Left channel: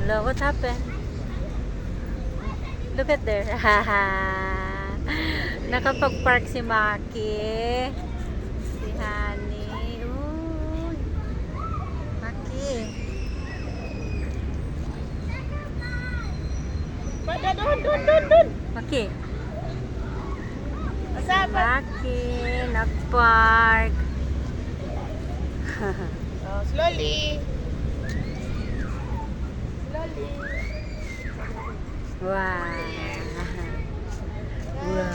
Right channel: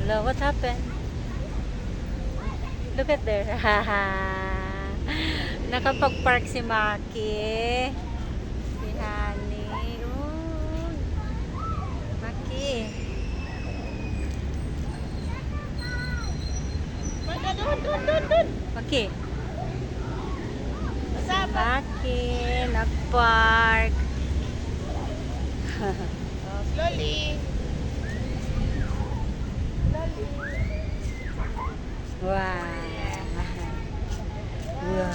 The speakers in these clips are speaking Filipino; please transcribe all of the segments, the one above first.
Hello, what happened? Look at there. Nakapag-park si Maki. Si Honey. Uy. Maki. Doon. Maki. Si Asa pa? Maki. Nag-park. Oh, slowly. Wow. Wow.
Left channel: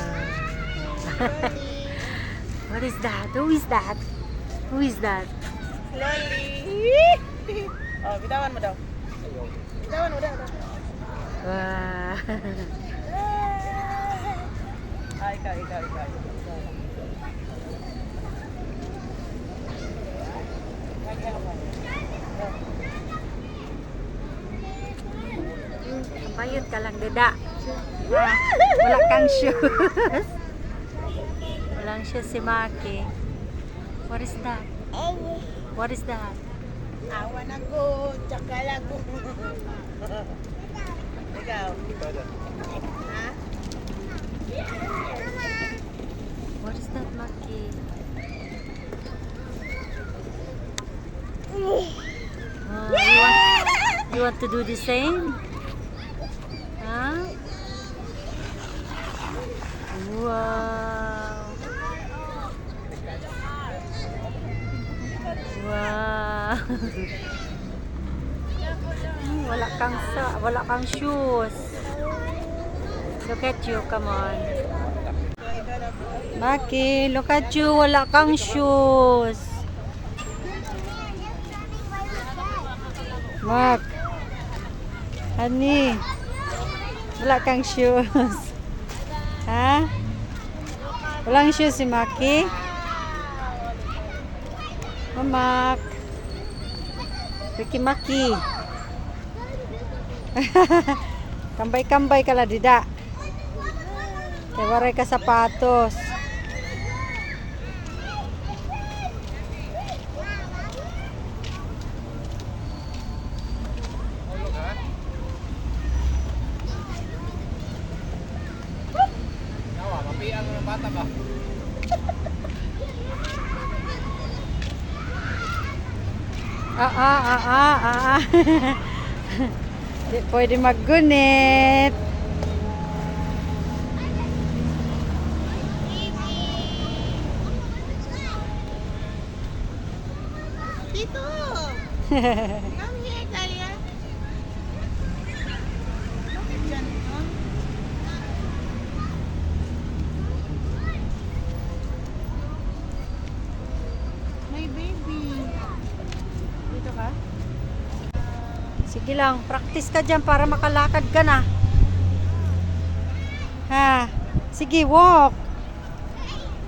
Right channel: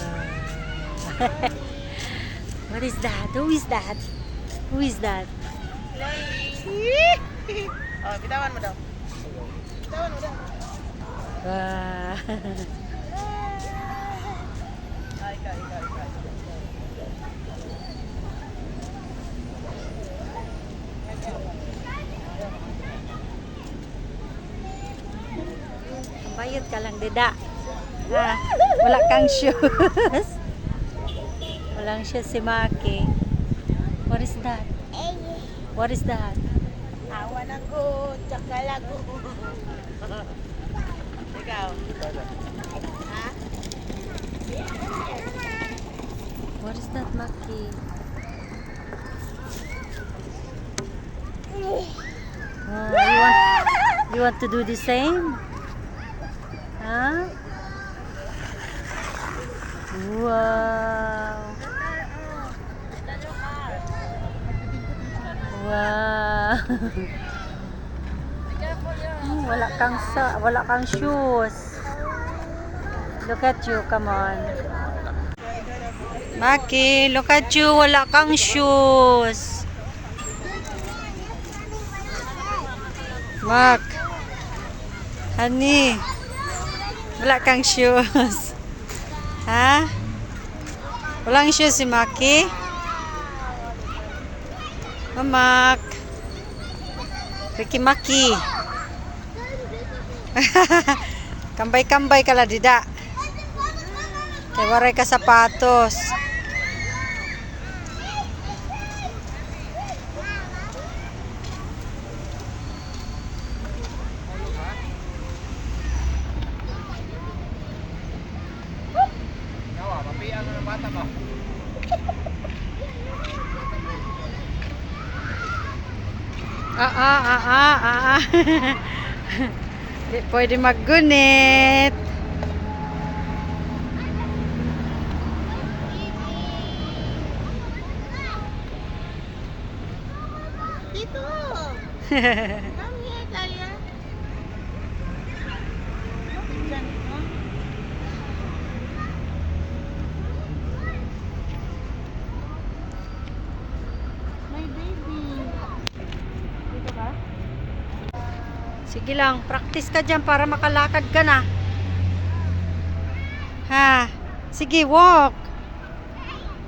What is that? Who is that? Who is that? Slowly. Oh, bitawan mo daw. Bitawan mo daw. Wow. Ikaw. Bayot ka lang, dida. Wala kang shoes. Walang shoes si Maki. What is that? What is that? Awan ako. Tsaka lago. Ikaw. Ha? What is that, Maki? You want to do the same? Huh? Wow. Wow. Wala kang shoes. Look at you, come on. Maki, look at you, wala kang shoes. Mak. Honey. Wala kang shoes. Ha? Walang shoes si Maki? Mamak. Ricky Maki. Kambay-kambay ka la dida. Kaya waray ka sapatos. Di pwede maggunit. Dito. Come here, Talia. Bakit dyan ito? My baby. Dito ka? Sige lang, practice ka dyan para makalakad ka na. Ha? Sige, walk.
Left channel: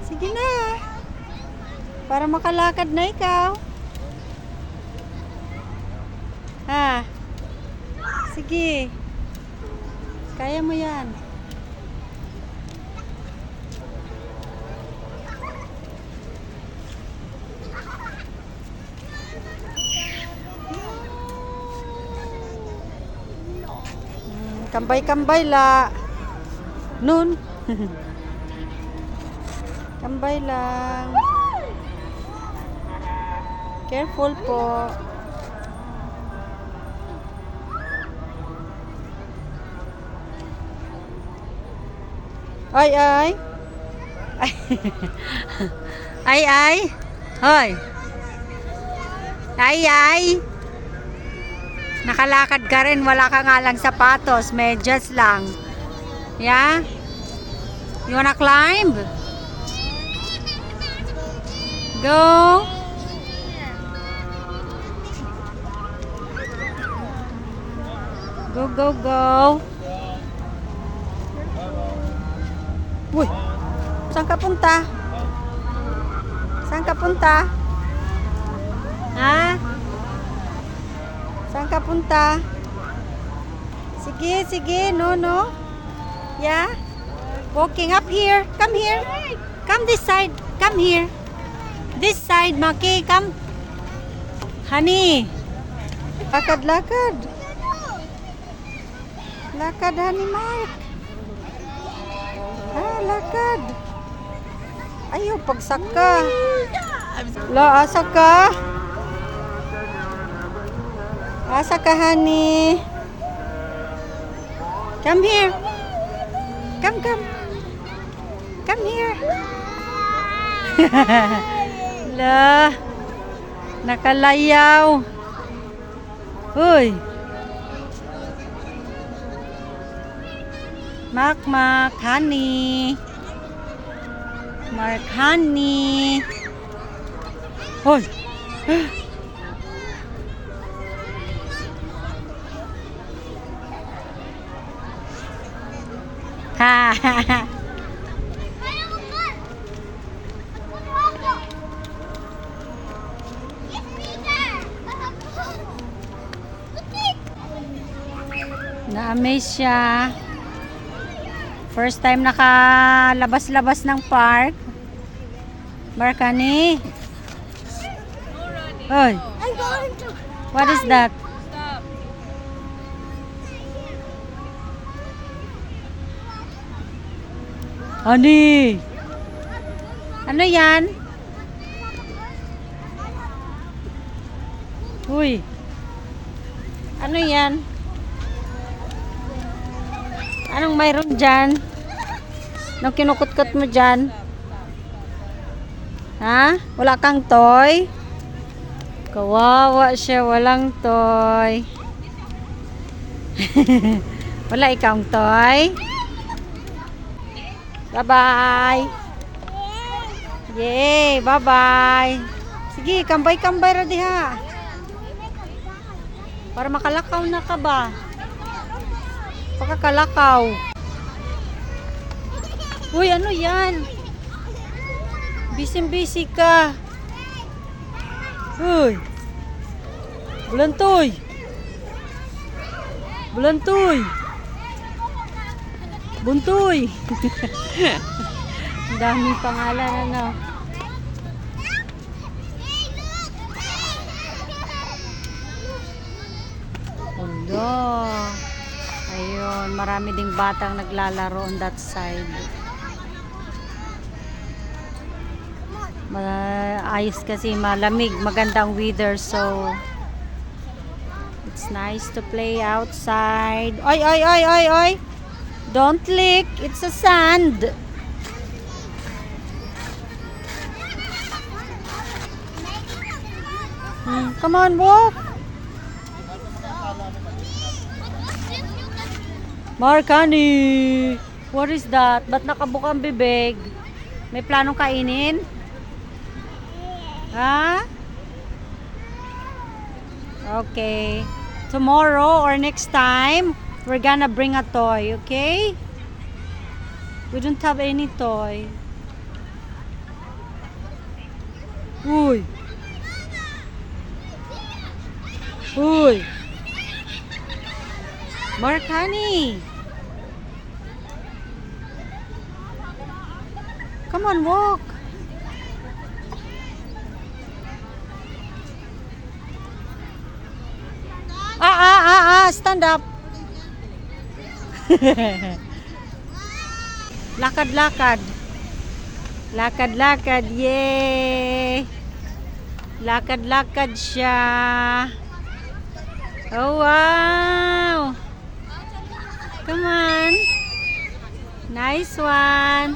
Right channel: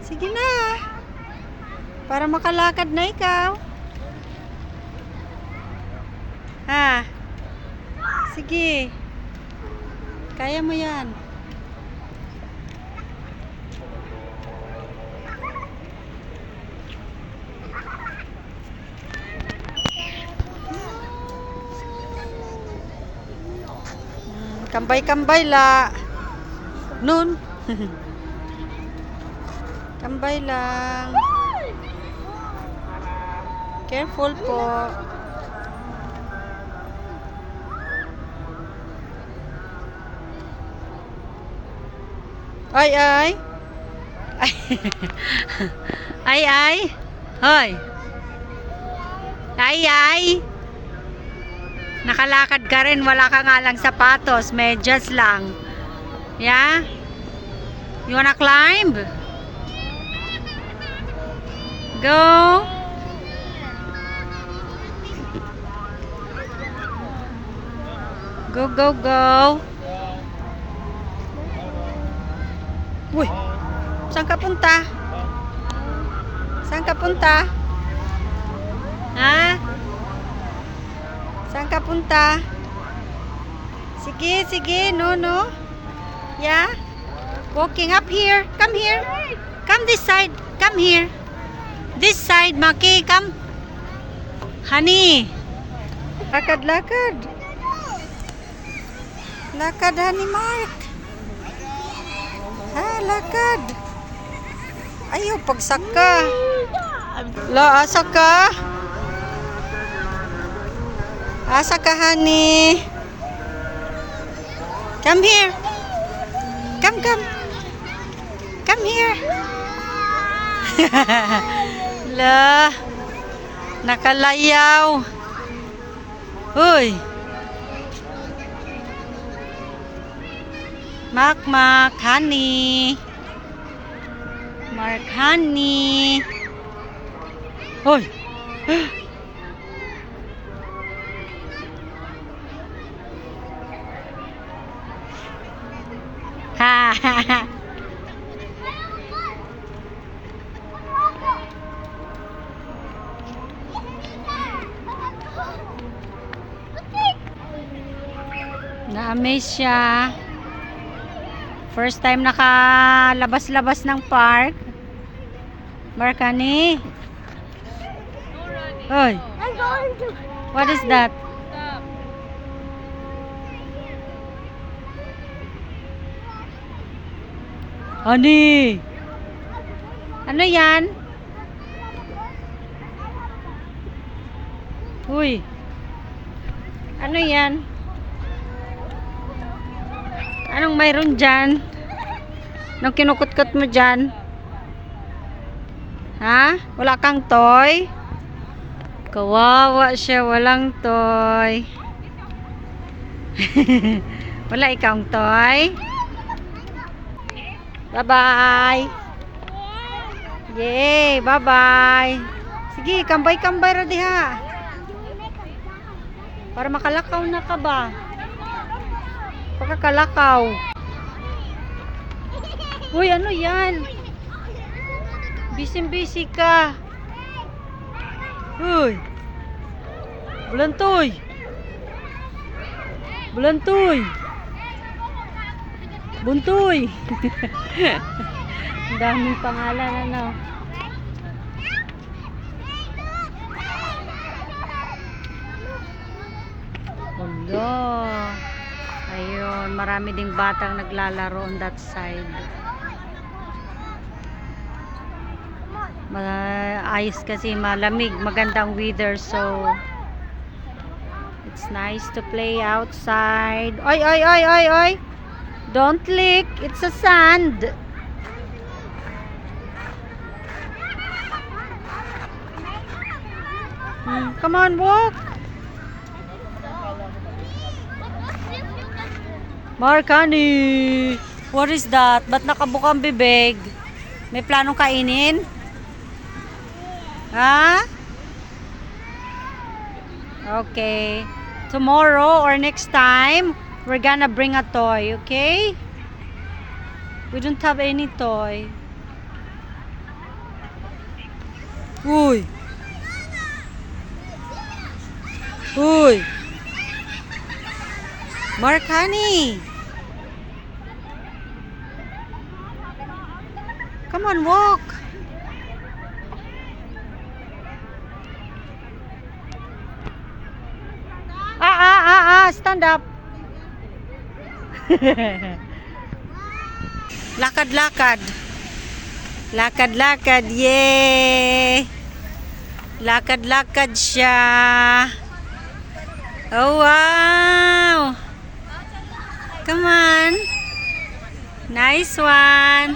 Sige na. Para makalakad na ikaw. Ha? Sige. Kaya mo yan. Kambay-kambay la. Nun. Kambay lang. Careful po. Ay. Ay. Hoy. Ay. Nakalakad ka rin, wala ka nga lang sapatos, medyas lang. Yeah? You wanna climb? Go. Go. Uy, saan ka punta? Ha? Saan ka punta? Sige, no. Yeah? Walking up here. Come here. Come this side. Come here. This side, Maki. Come. Honey. Lakad. Lakad, honey Mark. Ha, lakad. Ayaw, pagsaka. La, asa ka? Asa ka, honey? Come here. Come, come. Come here. La, nakalayaw. Uy. Mak, honey. Mark, honey. Hoy. Ha ha ha. Na-amaze siya. First time nakalabas-labas ng park. Markani. Hoy. What is that? Honey. Ano yan? Uy. Ano yan? Anong mayroon dyan? Anong kinukut-kut mo dyan? Ha? Wala kang toy? Kawawa siya, walang toy. Wala ikang toy? Bye-bye. Yay, bye-bye. Sige, kambay-kambay ra diha. Para makalakaw na ka ba? Pagkakalakaw. Uy, ano yan? Busy-busy ka. Uy. Bulantoy. Bulantoy. Buntoy. Ang daming pangalan, ano. Undo. Ayun, marami ding batang naglalaro on that side. Ayos kasi malamig, magandang weather, so it's nice to play outside. Oy, oy, oy, oy, oy. Don't lick, it's a sand. Come on, walk. Markani, what is that? Ba't nakabuka ang bibig? May planong kainin? Ha? Okay. Tomorrow or next time, we're gonna bring a toy, okay? We don't have any toy. Uy. Uy. Markani. Come on, walk. Stand up. Lakad-lakad. Lakad-lakad, yay. Lakad-lakad siya. Oh, wow. Come on. Nice one.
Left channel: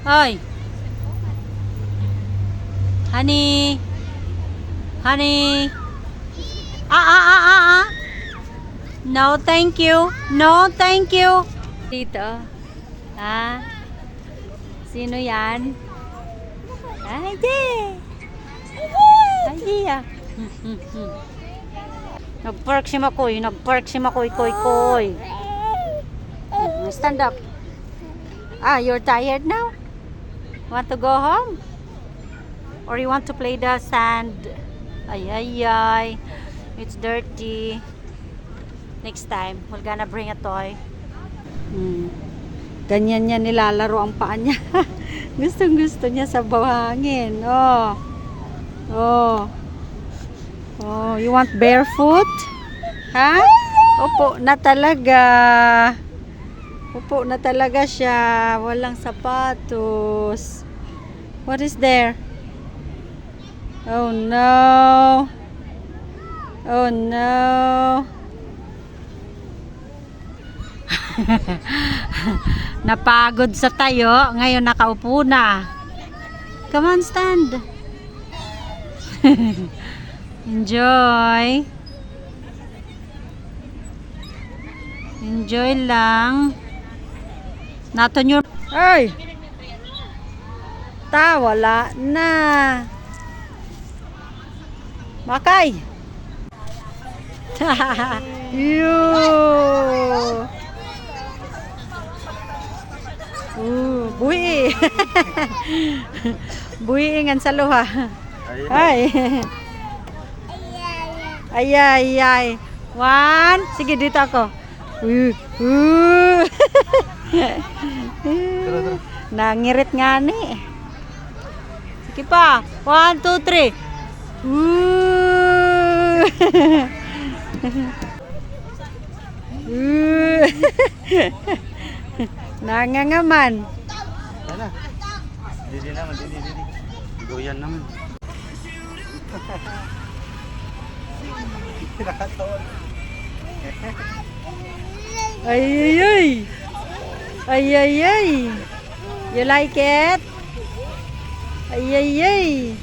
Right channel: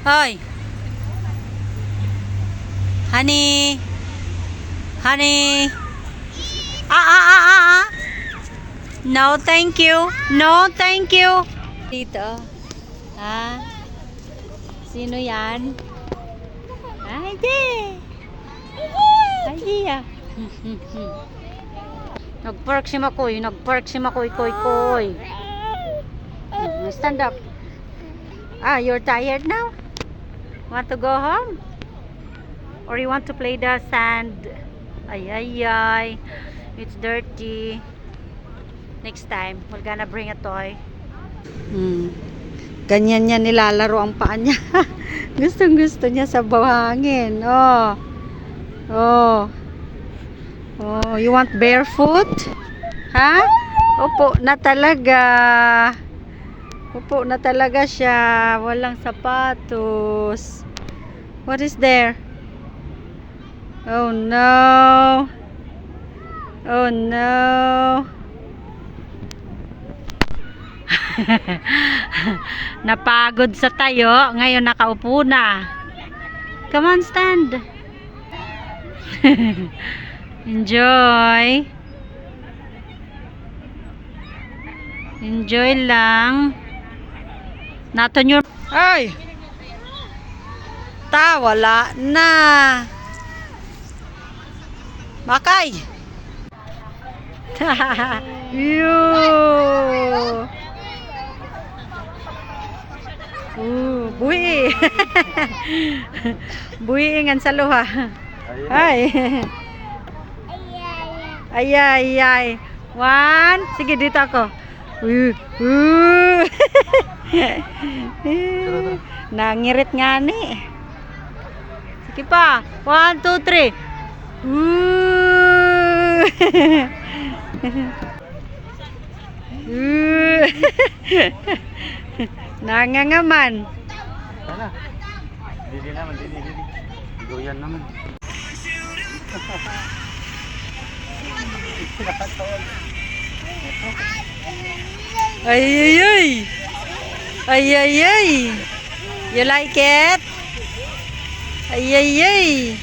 Hi. Honey. Honey. No, thank you. No, thank you. Dito. Ha? Sino yan? Ay, di. Ay, di ah. Nag-park si Makoy. Nag-park si Makoy. Koy. Stand up. You're tired now? Want to go home? Or you want to play the sand? Ay. It's dirty. Next time, we're gonna bring a toy. Ganyan niya nilalaro ang paa niya. Gustong gusto niya sa buhangin. Oh. Oh. Oh, you want barefoot? Ha? Opo na talaga. Opo na talaga siya. Walang sapatos. What is there? Oh no. Oh no. Napagod sa tayo. Ngayon nakaupo na. Come on, stand. Enjoy. Enjoy lang. Naton your... Ay! Wala na. Makay! Yoo! Buhi! Buhi ngan sa luha. Ay! Ay, ay, ay. One. Sige, dito ako. Nangirit nga ni. Sige pa. 1, 2, 3. Nangangaman. Sana. Didi naman, didi. Goyan naman. Ay, ay, ay. Ay, ay, ay. You like it? Ay, ay, ay.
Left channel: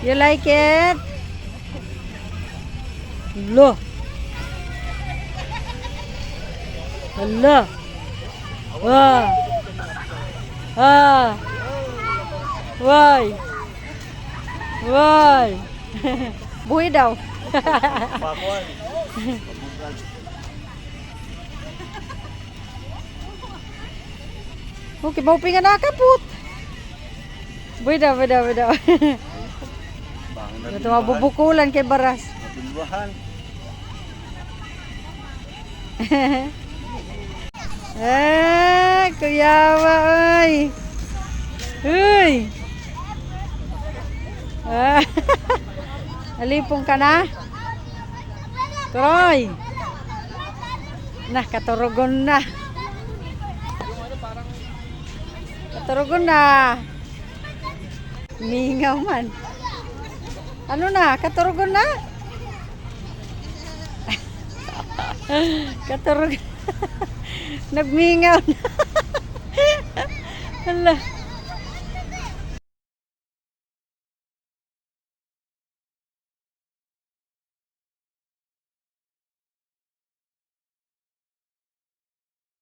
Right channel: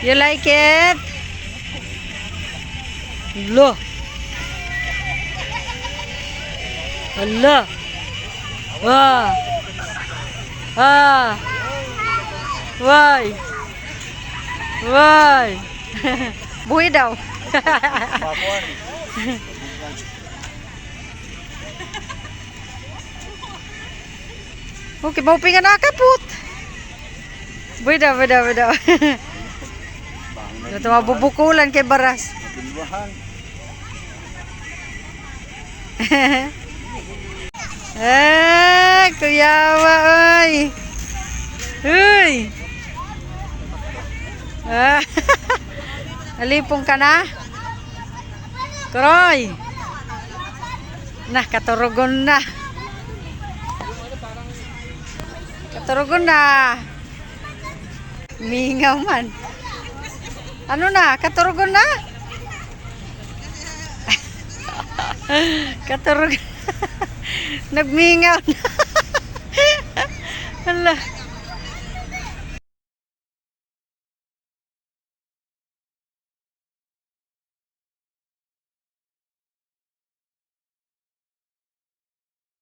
You like it? Lo. Hala. Ah. Ah. Why? Why? Buhay daw. Pakuan. Okay, mauping nga nakaput. Buhay daw, buhay daw, buhay daw. Ito mabubukulan kay Baras. Mabilwahan. Kuyawa, oy. Uy. Alipong ka na? Kroy. Nah, katurugon na. Katurugon na. Mingaw man. Ano na? Katurugon na? Katurugon. Nagmingaw na. Hala.